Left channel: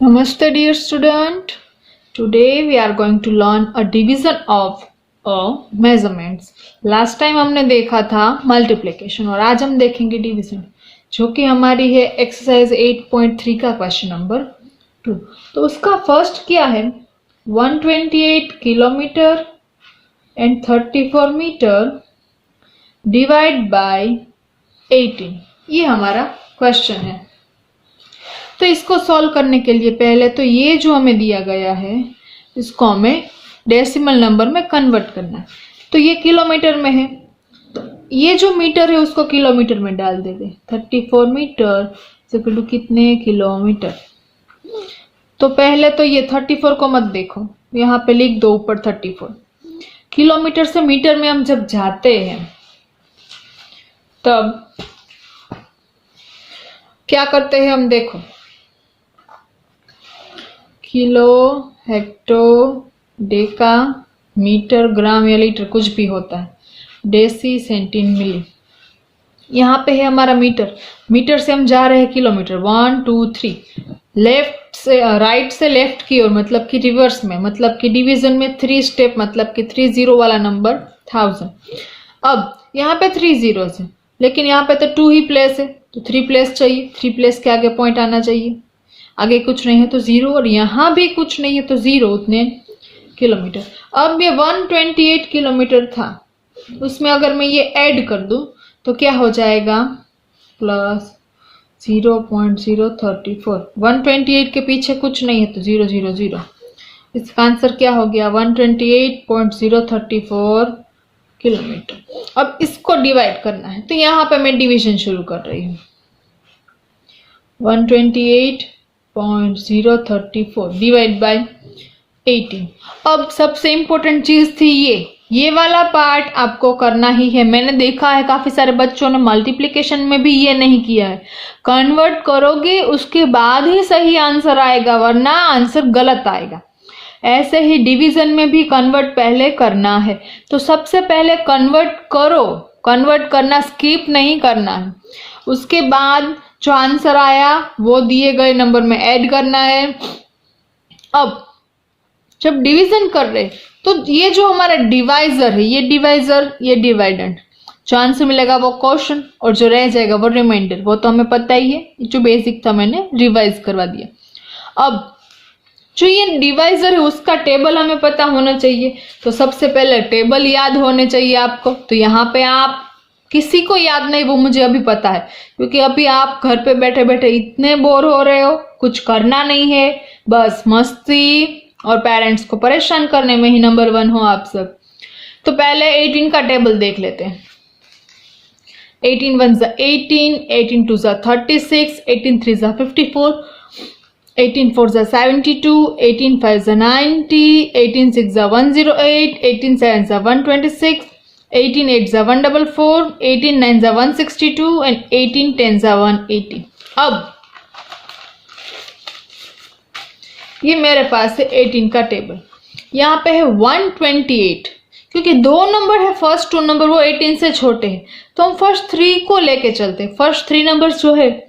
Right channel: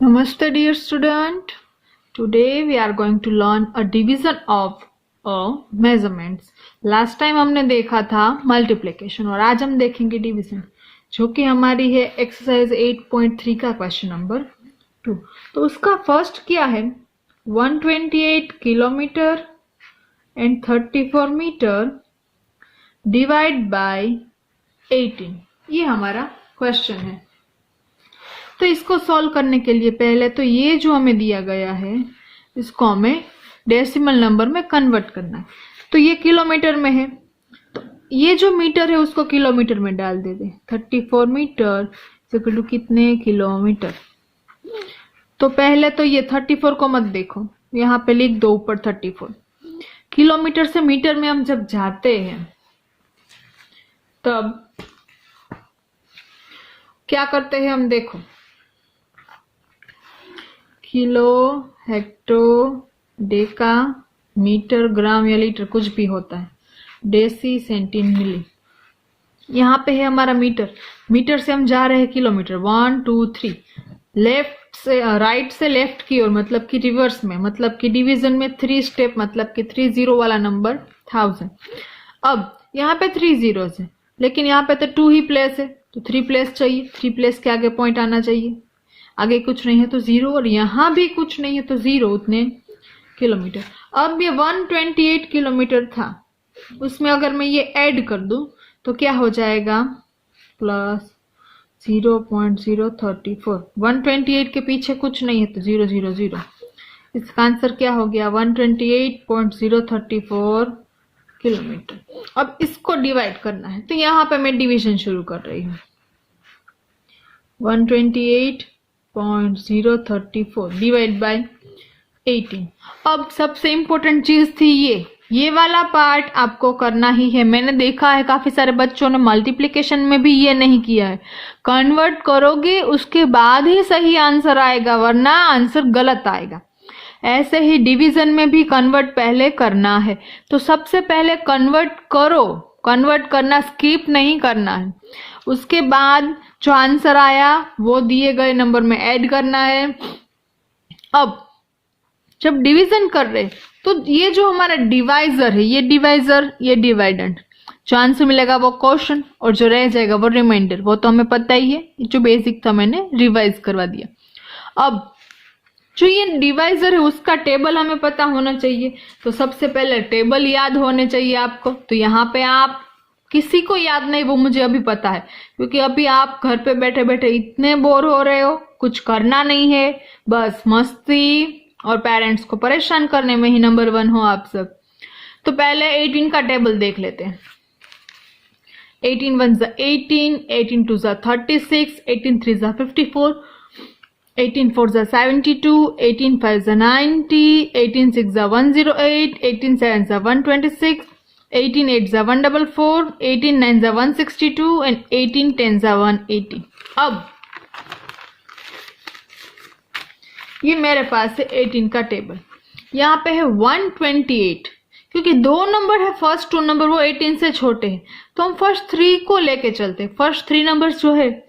Namaste dear student. Today we are going to learn a division of measurements. Last time हमने देखा था multiplication और आज हम देखेंगे division जो कि हमारी है एक्सरसाइज 8.3 का क्वेश्चन नंबर 2। तो उसका फर्स्ट क्या है 128 kilometre and 34 metre divide by 18, ये हमारा क्वेश्चन है। तो इसको सॉल्व करने के लिए पहले तो ये जो हमें दिया गया है इसको हमें डेसिमल नंबर में कन्वर्ट करना है। तो ये किलोमीटर में है तो ये जो मीटर है उसको किलोमीटर में डाल दे 34 मीटर इक्वल कितने किलोमीटर। तो पहले तो ये 34 को मत देखो, यहाँ पे लिख दो ऊपर 34। किलोमीटर से मीटर में हम जब जाते हैं तब क्या करते हैं हम, देखो किलो, हेक्टो, डेका, मीटर, ग्राम या लीटर कुछ भी होता है, डेसी, सेंटी, मिली। यहाँ पे है हमारा मीटर, मीटर से हम जा रहे हैं किलोमीटर 1 2 3, लेफ्ट से राइट से लेफ्ट की ओर मतलब कि रिवर्स में, मतलब कि डिवीजन में 3 स्टेप, मतलब कि 30 वाला नंबर 1000। अब यहाँ पे 3 zeros है लेकिन यहाँ पे तो 2 ही प्लेस है तो 3 प्लेस चाहिए, 3 प्लेस के आगे पॉइंट आना चाहिए, आगे कुछ नहीं है तो 0 और यहाँ भी कुछ नहीं है तो 0, उतने किलोमीटर। अब ये 128 किलोमीटर था, उसमें अगर मैं ये ऐड कर दूं तो क्या हो जाएगा प्लस 0.034। 128 के पीछे कुछ नहीं है तो 0 0 0। इसका आंसर क्या हो गया 128.034 किलोमीटर। अब इसको डिवाइड करना है तो यहाँ पे मैं डिवीजन शुरू कर रही हूँ। 128.034 डिवाइड बाय 18। अब सबसे इंपॉर्टेंट चीज थी ये वाला पार्ट आपको करना ही है। मैंने देखा है काफी सारे बच्चों ने मल्टीप्लिकेशन में भी ये नहीं किया है। कन्वर्ट करोगे उसके बाद ही सही आंसर आएगा वरना आंसर गलत आएगा। ऐसे ही डिवीजन में भी कन्वर्ट पहले करना है। तो सबसे पहले कन्वर्ट करो, कन्वर्ट करना स्किप नहीं करना है। उसके बाद जो आंसर आया वो दिए गए नंबर में ऐड करना है। अब जब डिवीजन कर रहे तो ये जो हमारा डिवाइजर है, ये डिवाइजर, ये डिवाइडेंड, जो आंसर मिलेगा वो क्वेश्चन और जो रह जाएगा वो रिमाइंडर। वो तो हमें पता ही है, जो बेसिक था मैंने रिवाइज करवा दिया। अब जो ये डिवाइजर है उसका टेबल हमें पता होना चाहिए। तो सबसे पहले टेबल याद होने चाहिए आपको। तो यहाँ पे आप किसी को याद नहीं, वो मुझे अभी पता है क्योंकि अभी आप घर पे बैठे बैठे इतने बोर हो रहे हो, कुछ करना नहीं है, बस मस्ती और पेरेंट्स को परेशान करने में ही नंबर 1 हो आप सब। तो पहले 18 का टेबल देख लेते हैं। 18 1 जा 18, 18 2 जा 36, 18 3 जा 54, 18 4 जा 72, 18 5 जा 90, 18 6 जा 108, 18 7 जा 126, 18 8 जा 144, 18 9 जा 162 एंड 18 10 जा 180। अब ये मेरे पास है 18 का टेबल। यहाँ पे है 128 क्योंकि 2 नंबर है, फर्स्ट 2 नंबर वो 18 से छोटे हैं तो हम फर्स्ट 3 को लेके चलते हैं। फर्स्ट 3 नंबर जो है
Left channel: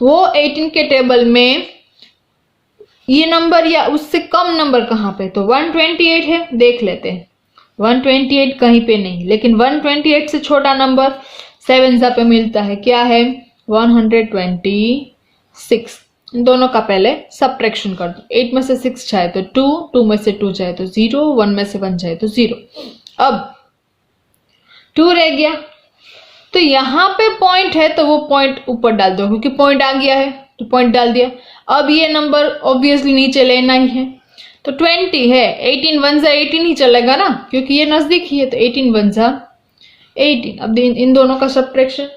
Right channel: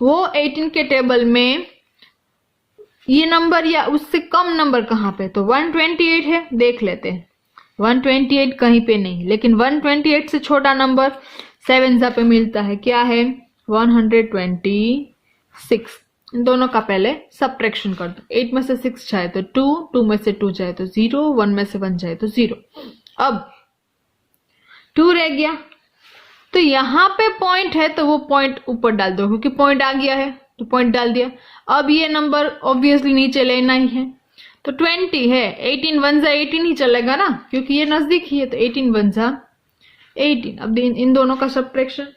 वो 18 के टेबल में ये नंबर या उससे कम नंबर कहाँ पे, तो 128 है, देख लेते हैं। 128 कहीं पे नहीं, लेकिन 128 से छोटा नंबर 7 पे मिलता है, क्या है 126। इन दोनों का पहले सब्ट्रैक्शन कर दो। 8 में से 6 जाए तो 2, 2 में से 2 जाए तो 0, 1 में से 1 जाए तो 0। अब 2 रह गया तो यहाँ पे पॉइंट है तो वो पॉइंट ऊपर डाल दो क्योंकि पॉइंट आ गया है तो पॉइंट डाल दिया। अब ये नंबर ऑब्वियसली नीचे लेना ही है तो 20 है। 18 1 जा 18 ही चलेगा ना क्योंकि ये नजदीक ही है तो 18 1 जा 18। अब इन दोनों का सब्ट्रैक्शन,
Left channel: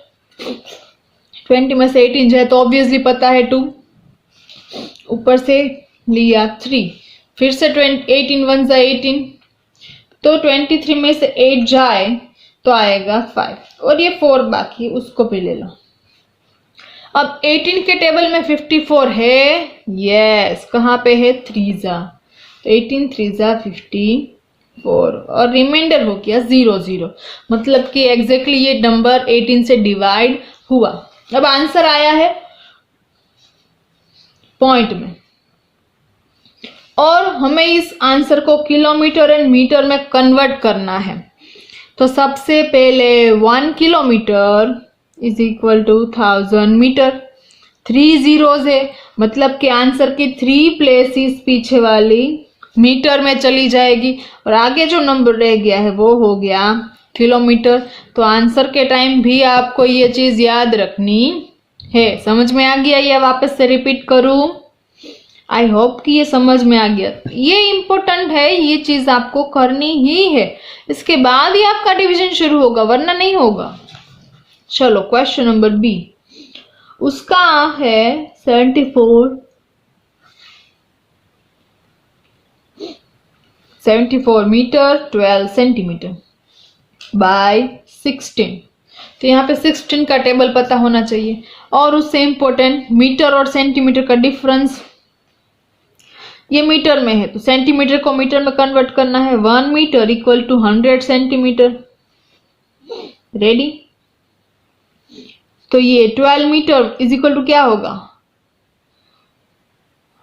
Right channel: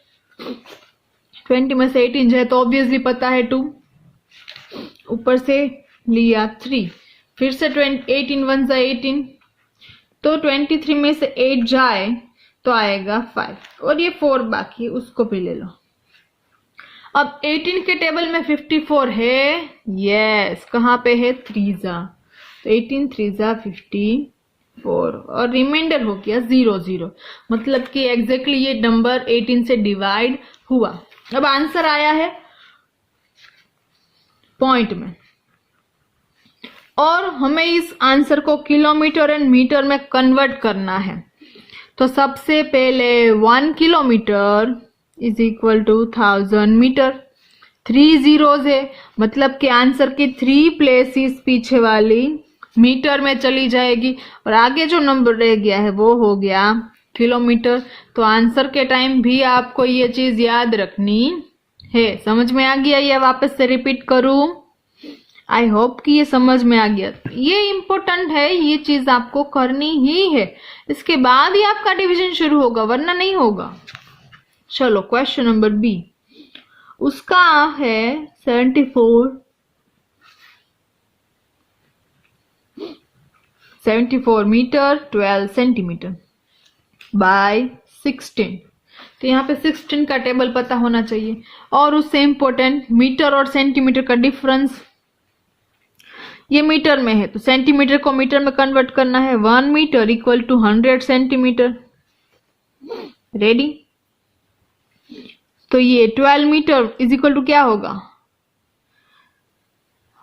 20 में से 18 जाए तो ऑब्वियसली पता है 2, ऊपर से लिया 3, फिर से 18 1 जा 18 तो 23 में से 8 जाए तो आएगा 5 और ये 4 बाकी है उसको भी ले लो। अब 18 के टेबल में 54 है, यस, कहाँ पे है 3 जा, तो 18 3 जा 54 और रिमाइंडर हो गया 0 0, मतलब कि एग्जैक्टली ये नंबर 18 से डिवाइड हुआ। अब आंसर आया है पॉइंट में, और हमें इस आंसर को किलोमीटर एंड मीटर में कन्वर्ट करना है। तो सबसे पहले 1 kilometre is equal to 1000 metre. 3 zeros है, मतलब कि आंसर की 3 प्लेसेस पीछे वाली मीटर में चली जाएगी, और आगे जो नंबर रह गया है वो हो गया किलोमीटर। तो आंसर के टाइम भी आपको ये चीज याद रखनी है। समझ में आ गया या वापस से रिपीट करूं? आई होप कि ये समझ में आ गया। ये इंपॉर्टेंट है, ये चीज आपको करनी ही है, इसके बाद ही आपका डिवीजन शुरू होगा, वरना नहीं होगा। चलो क्वेश्चन नंबर बी, उसका है 74 मीटर 12 सेंटीमीटर बाय 16। तो यहाँ पे 16 का टेबल पता होना चाहिए, और उससे इंपॉर्टेंट मीटर और सेंटीमीटर का डिफरेंस। ये मीटर में है तो सेंटीमीटर को मीटर में कन्वर्ट करना है। 1 metre equal to 100 centimetre. Ready? तो ये 12 मीटर इज इक्वल टू क्या होगा?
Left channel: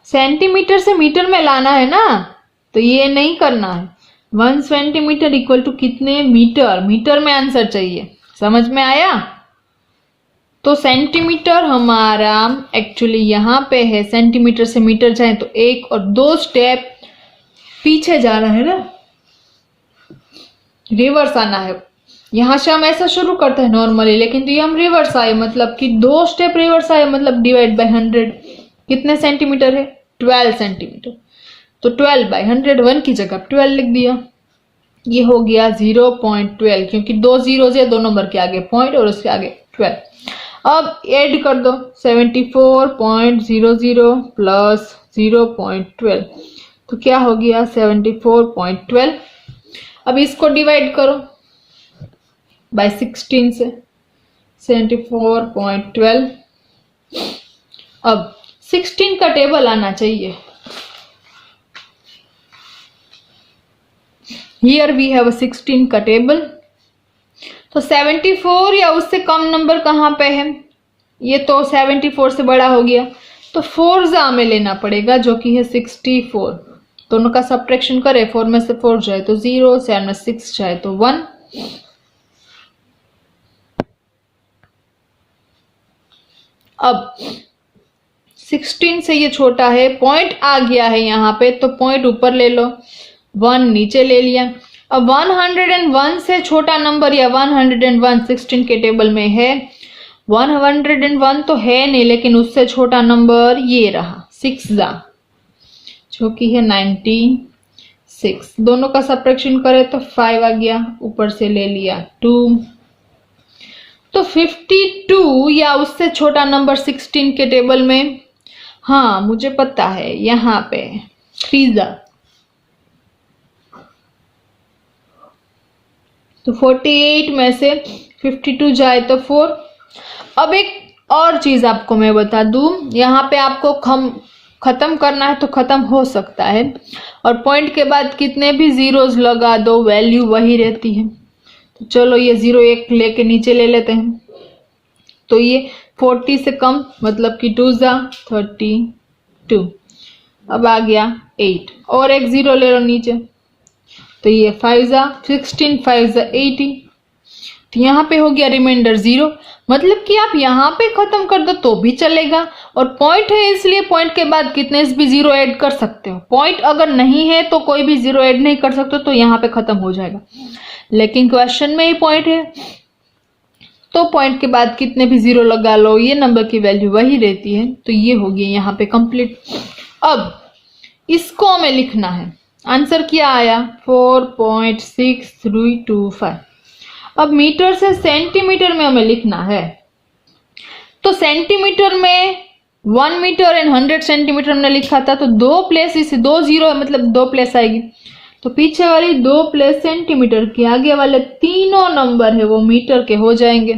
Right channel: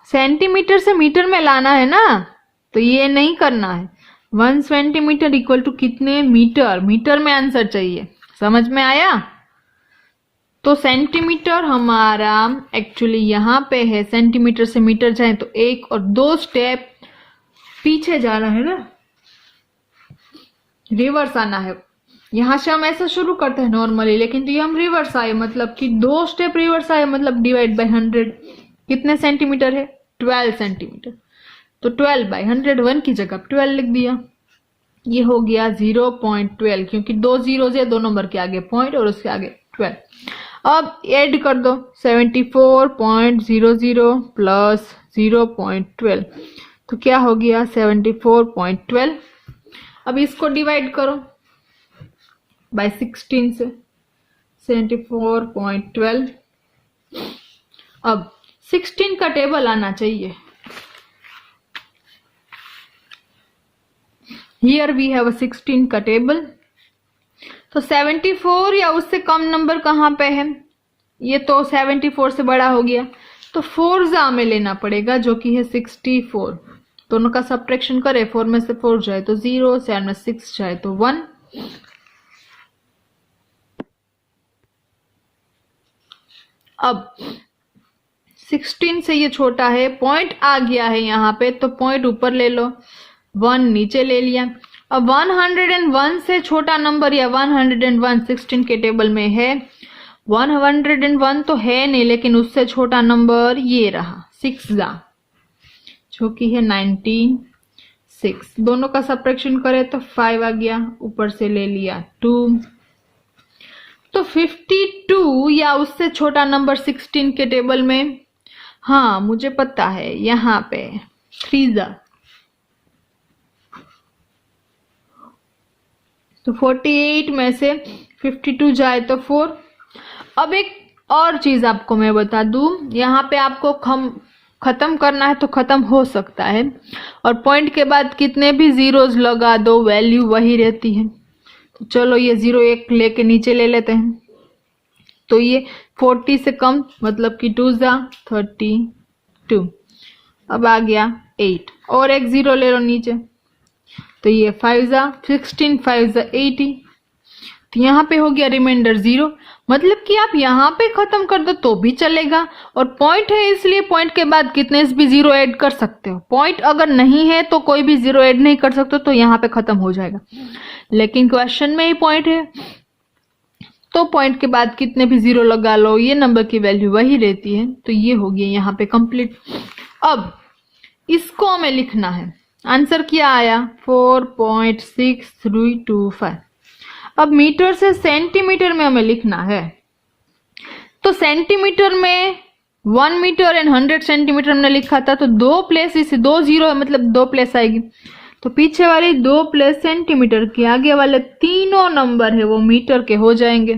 सेंटीमीटर से मीटर में लाना है ना, तो ये नहीं करना है। 1 सेंटीमीटर इक्वल टू कितने मीटर? मीटर में आंसर चाहिए। समझ में आया? तो सेंटीमीटर हमारा एक्चुअली यहां पे है, सेंटीमीटर से मीटर जाए तो 1 और 2 स्टेप पीछे जाना है ना, रिवर्स आना है। यहां से हम ऐसा शुरू करते हैं नॉर्मली, लेकिन तो ये हम रिवर्स आए, मतलब कि 2 स्टेप रिवर्स आए, मतलब डिवाइड बाय 100। कितने सेंटीमीटर है? 12 सेंटीमीटर। तो 12 बाय 100, 1 की जगह 12 लिख दिया। ये हो गया 0.12, क्योंकि 2 जीरो है, 2 नंबर के आगे पॉइंट और उसके आगे 12। अब ऐड कर दो 74.00 प्लस 0.12, तो क्या हो गया? 74.12। अब इसको डिवाइड करो बाय 16 से, 74.12। अब 16 का टेबल आना चाहिए। Here we have a 16 का टेबल। तो 74 या उससे कम नंबर कहां पे है? ये तो 74 से बड़ा हो गया, तो 4 में लेना पड़ेगा, जो कि है 64। दोनों का सब्ट्रैक्शन करें, 4 में से 4 जाए तो 0, 7 में 6 जाए तो 1। अब 16 से ये छोटा है, पॉइंट आ गया है यहाँ पे, तो पॉइंट ऊपर ले लो, 1 नीचे ले लिया। अब 101 से छोटा नंबर या 101 16 के टेबल में है। 101 तो है नहीं, लेकिन उससे छोटा नंबर ये रहा 6 जो कि है 96। दोनों का सब्ट्रैक्शन करें तो 5 आ गया, ऊपर से ले लिया 2। तो 52 या उससे छोटा नंबर 16 के टेबल में, हाँ मुझे पता है, यहाँ पे 3। तो 48 में से 52 जाए तो 4। अब एक और चीज आपको मैं बता दूं, यहाँ पे आपको खत्म करना है तो खत्म हो सकता है, और पॉइंट के बाद कितने भी जीरोस लगा दो वैल्यू वही रहती है। तो चलो ये 0 1 लेके नीचे ले लेते हैं। तो ये 40 से कम, मतलब कि 2 32। अब आ गया 8, और एक 0 ले लो नीचे, तो ये 5 16, 5 80। तो यहाँ पे हो गया रिमाइंडर 0, मतलब कि आप यहाँ पे खत्म कर दो तो भी चलेगा, और पॉइंट है इसलिए पॉइंट के बाद कितने भी 0 ऐड कर सकते हो। पॉइंट अगर नहीं है तो कोई भी 0 ऐड नहीं कर सकते, तो यहाँ पे खत्म हो जाएगा। लेकिन क्वेश्चन में ही पॉइंट है, तो पॉइंट के बाद कितने भी 0 लगा लो, ये नंबर की वैल्यू वही रहती है। तो ये हो गया यहाँ पे कंप्लीट। अब इसको हमें लिखना है, आंसर क्या आया? 4.6325। अब मीटर से सेंटीमीटर में हमें लिखना है, तो सेंटीमीटर में 1 मीटर एंड 100 सेंटीमीटर हमने लिखा था, तो 2 प्लेस, इसे 2 0 है, मतलब 2 प्लेस आएगी। तो पीछे वाली 2 प्लेस सेंटीमीटर के, आगे वाले तीनों नंबर है वो मीटर के हो जाएंगे।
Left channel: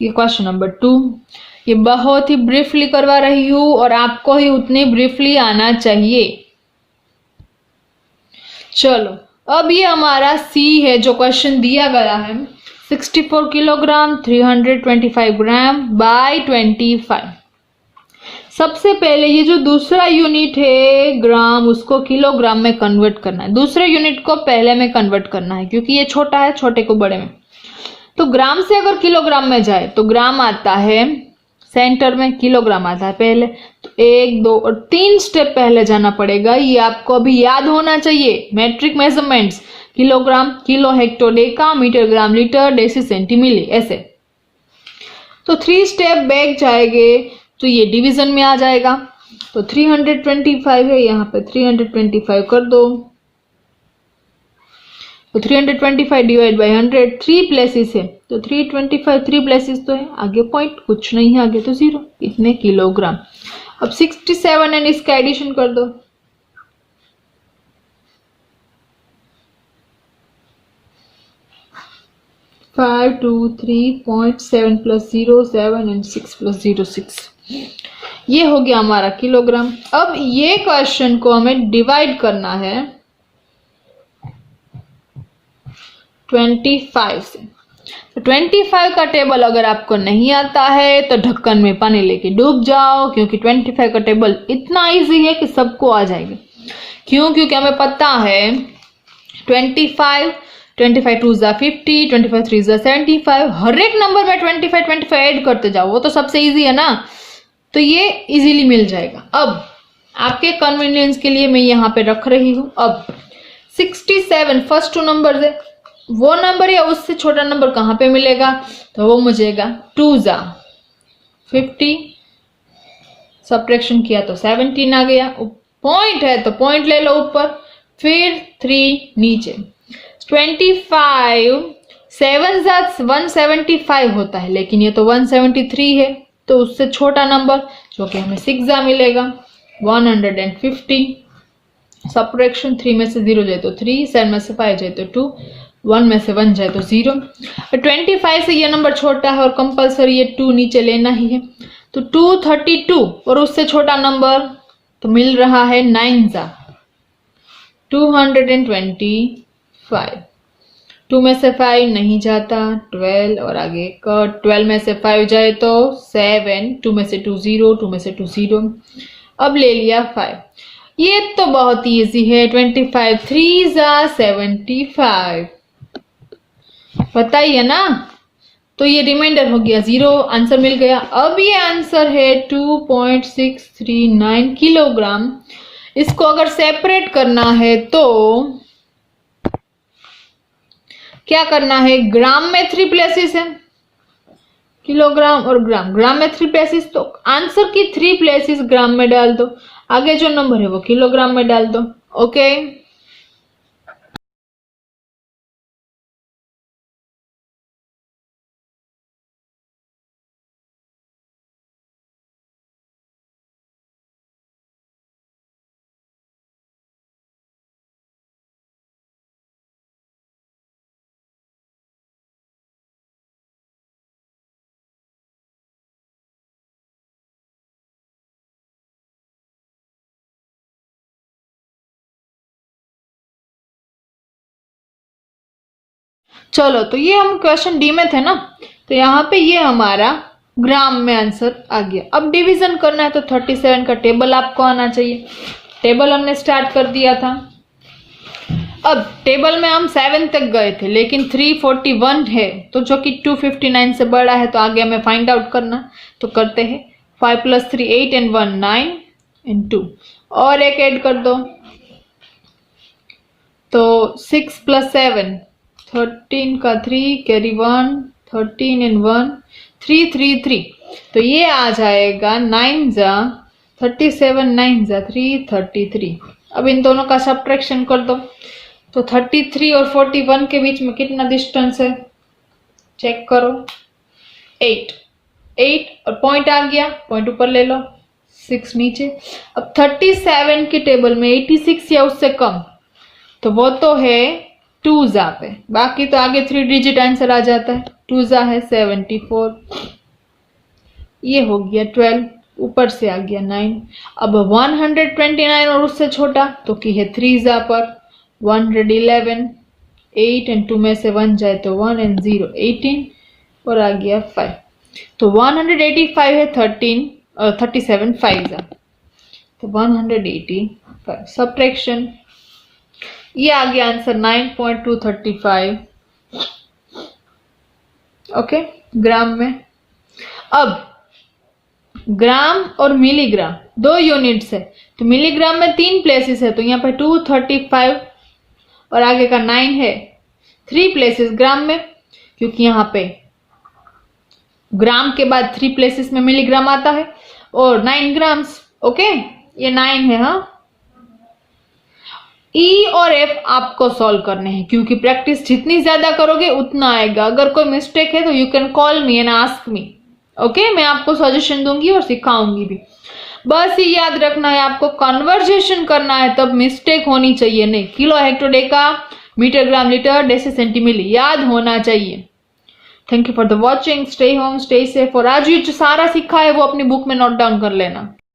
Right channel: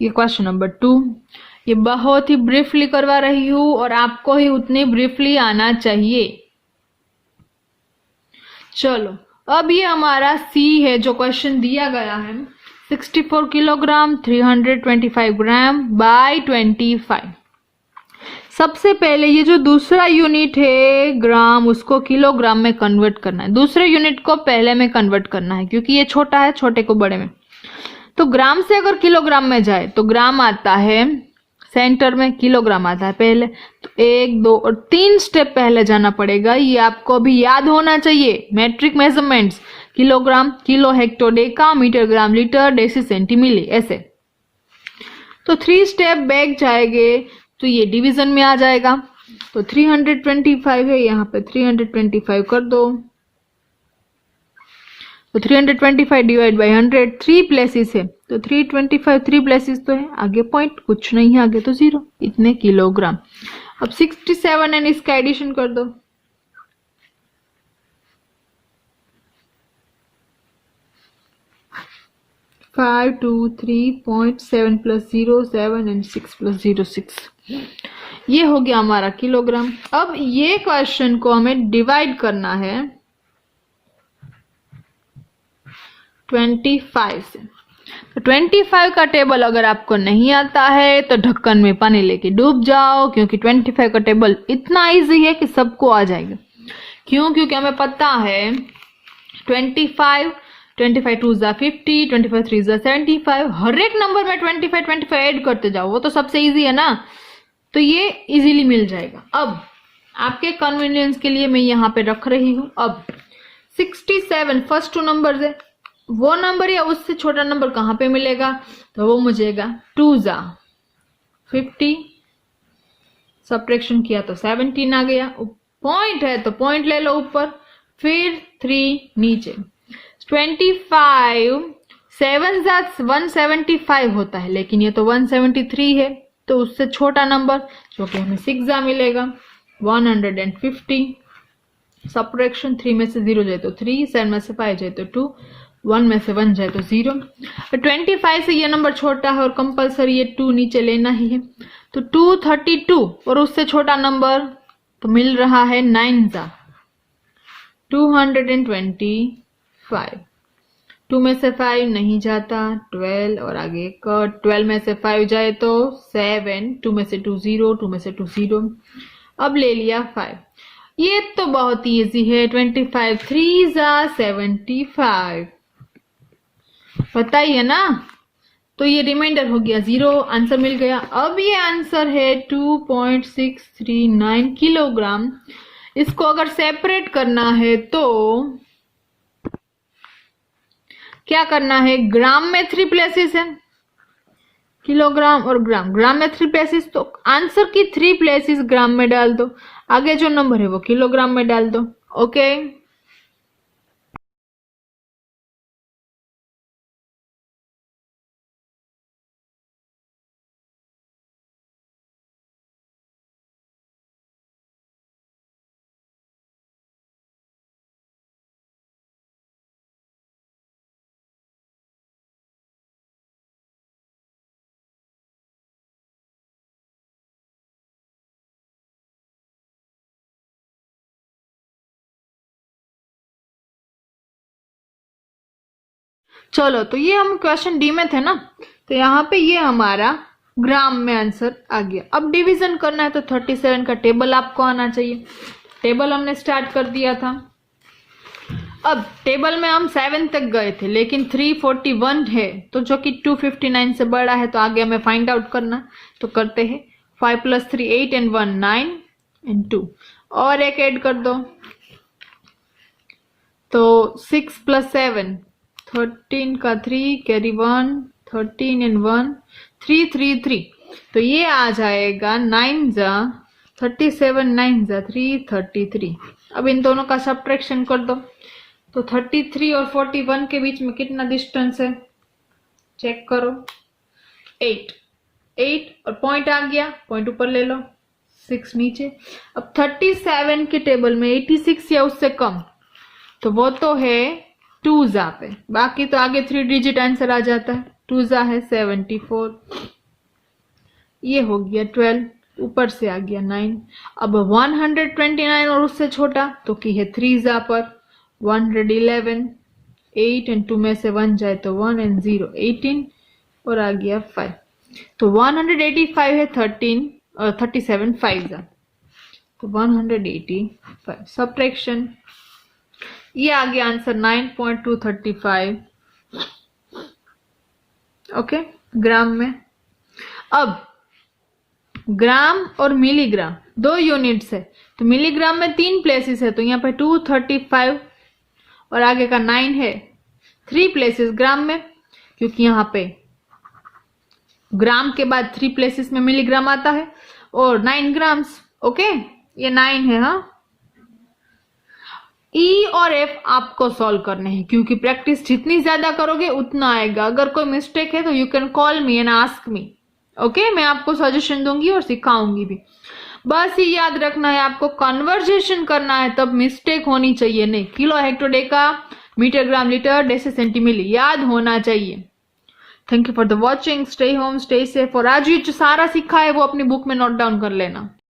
ये क्वेश्चन नंबर 2। ये बहुत ही ब्रीफली करवा रही हूं, और आपको ही उतनी ब्रीफली आना चाहिए। चलो अब ये हमारा सी है जो क्वेश्चन दिया गया है, 64 किलोग्राम 325 ग्राम बाय 25। सबसे पहले ये जो दूसरा यूनिट है ग्राम, उसको किलोग्राम में कन्वर्ट करना है। दूसरे यूनिट को पहले में कन्वर्ट करना है, क्योंकि ये छोटा है, छोटे को बड़े में। तो ग्राम से अगर किलोग्राम में जाए तो ग्राम आता है सेंटर में, किलोग्राम आता है पहले। तो 1, 2 और 3 स्टेप पहले जाना पड़ेगा। ये आपको अभी याद होना चाहिए। Metric measurements, kilogram, kilo, hecto, deca, metre, gram, litre, deci, centi, milli, ऐसे। तो 3 स्टेप बैक जाएंगे तो ये डिवीजन में आ जाएगा। तो 325 है, यहाँ पे 325 कर दो। तो 325 डिवाइड बाई 100, 3 प्लेसेस है तो 325 3 प्लेसेस तो है, आगे पॉइंट कुछ नहीं है, आगे तो 0, इतने किलोग्राम। अब 67 एंड इसका एडिशन कर दो। फाइव 2 3.7 प्लस 0 7 एंड 6 प्लस 0 6, ये हो गया हमारा किलोग्राम। अब ये क्वेश्चन को हमें डिवाइड करना है 25 से। तो 25 का टेबल अगर आपको नहीं आता है तो ढक्कन में पानी लेके डूब जाओ, क्योंकि 25 का टेबल इतना इजी है कि सबको आ जाएगा। क्यों? क्योंकि हमें पता है 25 2 जा 50, 25 3 जा 75, हर एक नंबर में 25 ऐड करते जाओ, वो तो सबसे इजी है ना, तो ये इजीली मिल जाएगा। अब आपके कन्वीनियंस के लिए मैं यहाँ पे रख रही हूँ। अब 67 फर्स्ट 2 नंबर है, वो नंबर या उससे छोटा नंबर कहाँ पे मिलेगा? तो वो मुझेगा 2 जा 50, सब्ट्रैक्शन किया तो 17 आ गया। पॉइंट है तो पॉइंट ले लो ऊपर, फिर 3 नीचे। 25 7 जा 175 होता है, लेकिन ये तो 173 है, तो उससे छोटा नंबर जो कि हमें 6 जा मिलेगा 150। सब्ट्रैक्शन 3 में से 0 जाए तो 3, 7 में से 5 जाए तो 2, 1 में से 1 जाए तो 0। 25 से ये नंबर छोटा है और कंपलसरी ये 2 नीचे लेना ही है, तो 232 और उससे छोटा नंबर तो मिल रहा है 9 जा 225। 2 में से 5 नहीं जाता, 12 और आगे का 12 में से 5 जाए तो 7, 2 में से 2 0, 2 में से 2 0। अब ले लिया 5। ये तो बहुत इजी है, 25 3 जा 75, बताइए ना। तो ये रिमाइंडर हो गया 0, आंसर मिल गया। अब ये आंसर है 2.639 किलोग्राम। इसको अगर सेपरेट करना है तो क्या करना है? ग्राम में 3 प्लेसेस है, किलोग्राम और ग्राम। ग्राम में 3 प्लेसेस, तो आंसर की 3 प्लेसेस ग्राम में डाल दो, आगे जो नंबर है वो किलोग्राम में डाल दो। ओके, चलो, तो ये हम क्वेश्चन डी में थे ना, तो यहाँ पे ये हमारा ग्राम में आंसर आ गया। अब डिवीजन करना है तो 37 का टेबल आपको आना चाहिए। टेबल हमने स्टार्ट कर दिया था। अब टेबल में हम 7 तक गए थे, लेकिन 341 है तो जो कि 259 से बड़ा है, तो आगे हमें फाइंड आउट करना, तो करते हैं। 5 + 3 8 and 1 9 and 2 और एक ऐड कर दो, तो 6 + 7 13 का 3 कैरी 1 13 and 1 3 3 3, तो ये आ जाएगा 9 जा 37 9 जा 333। अब इन दोनों का सब्ट्रैक्शन कर दो, तो 33 और 41 के बीच में कितना डिस्टेंस है चेक करो, 8 और पॉइंट आ गया, पॉइंट ऊपर ले लो, 6 नीचे। अब 37 के टेबल में 86 या उससे कम, तो वो तो है 2 जा पे, बाकी तो आगे 3 डिजिट आंसर आ जाता है। 2 जा है 74, ये हो गया 12, ऊपर से आ गया 9। अब 129 और उससे छोटा तो की है 3 जा पर 111, 8 and 2 में से 1 जाए तो 1 and 0 18 और आ गया 5, तो 185 है 13 37 5 तो 185 सब्ट्रैक्शन, ये आ गया आंसर 9.235 ओके ग्राम में। अब ग्राम और मिलीग्राम दो यूनिट्स है, तो मिलीग्राम में 3 प्लेसेस है, तो यहाँ पे 235 और आगे का 9 है 3 प्लेसेस ग्राम में, क्योंकि यहाँ पे ग्राम के बाद 3 प्लेसेस में मिलीग्राम आता है, और 9 ग्राम्स। ओके ये 9 है। हाँ ई और एफ आपको सॉल्व करने हैं, क्योंकि प्रैक्टिस जितनी ज्यादा करोगे उतना आएगा। अगर कोई मिस्टेक है तो you can call me and ask me. Okay मैं आपको सजेशन दूंगी और सिखाऊंगी भी। बस ये याद रखना है आपको कन्वर्जेशन करना है, तब मिस्टेक होनी चाहिए नहीं। Kilo हेक्टोडेका metre gram litre deci सेंटीमिली याद होना चाहिए। Thank you for the watching, stay home stay safe. और आज ये जो सारा सीखा है वो अपनी बुक में नोट डाउन कर लेना।